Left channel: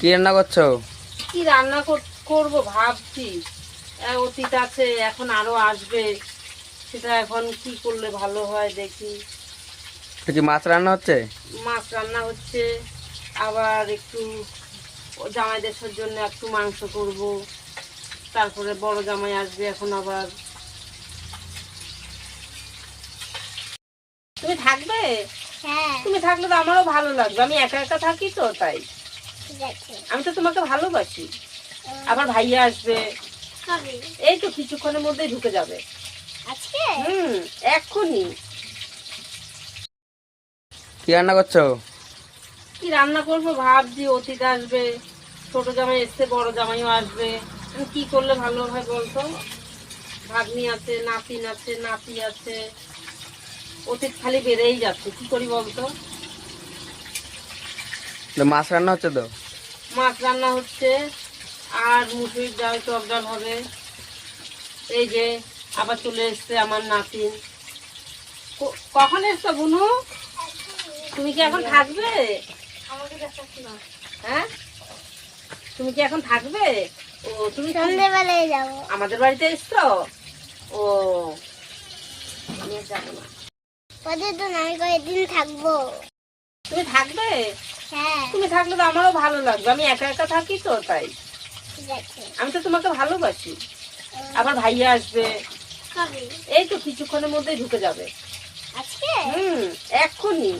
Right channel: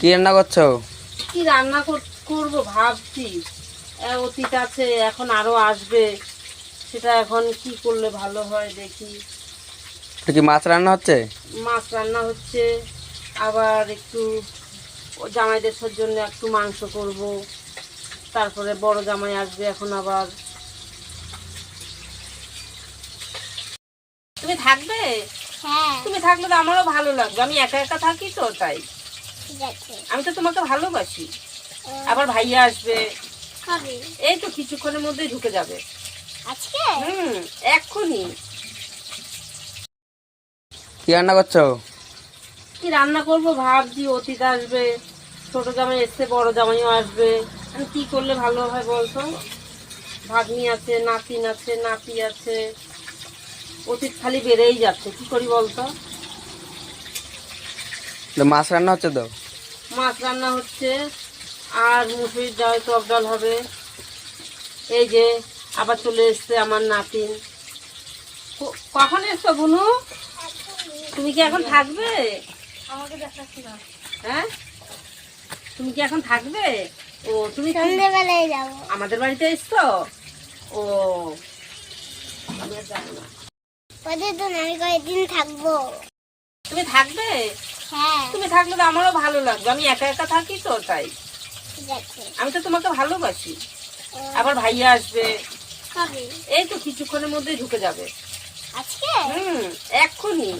কি রান্না করছো? কি রান্না করবো ভাবছি। অতীত আছে, এখন আরো আসবে, সেটা এখন কি করলে ভালো হয় দেখি। এটা কি মাছ রান্না হচ্ছে? মাছ রান্না হচ্ছে, আবার একটু জামাইদের জন্য একটু মাংস করব, তারপরে বড় জামাই আসবে এখন আবার। তুমি থাকবে? হ্যাঁ, তুমি থাকলে তো আমারও ভালো লাগবে, আমি একা একা থাকি তো তাই। ঠিক আছে। আমি তো তোমাকে ভালোবাসি। আবার ভাইয়া আসবে, কবে? এই তো কিছুক্ষণের মধ্যেই ঢুকে যাবে। আজকে? এক্ষুনি। কি রান্না করছো? কি রান্না করবো ভাবছি, অতীত আসবে, ছোট জামাই এসছে, বড় জামাইও আসবে। আমি কি করলে ভালো হয় বলতো? ভাগ্নি আছে, নাতিন আছে, নাতি আছে, অতীত খালি বেড়েই যাচ্ছে, কি করি বলতো? এটা মাছ রান্না হচ্ছে তো? মাছ রান্না হচ্ছে, আর মুসুরির ডাল, টক ডাল হবে। এই যে আবার চলে এসছে আমার নাতিন। কখন এসছো বুনু? তুমি কি এখন থাকবে? হ্যাঁ, তুমি কি এখন থাকবে? ও, তুমি সন্ধ্যেবেলায় যাবো। আমাদের বাড়িতে এসছো? ও, আমি আর যাবো না। কতদিন? আমি কয়েকদিন থাকবো। তুমি থাকবে? হ্যাঁ, তুমি থাকলে তো আমারও ভালো লাগবে, আমি একা একা থাকি তো তাই। ঠিক আছে। আমি তো তোমাকে ভালোবাসি। আবার ভাইয়া আসবে, কবে? এই তো কিছুক্ষণের মধ্যেই ঢুকে যাবে। আজকে? এক্ষুনি।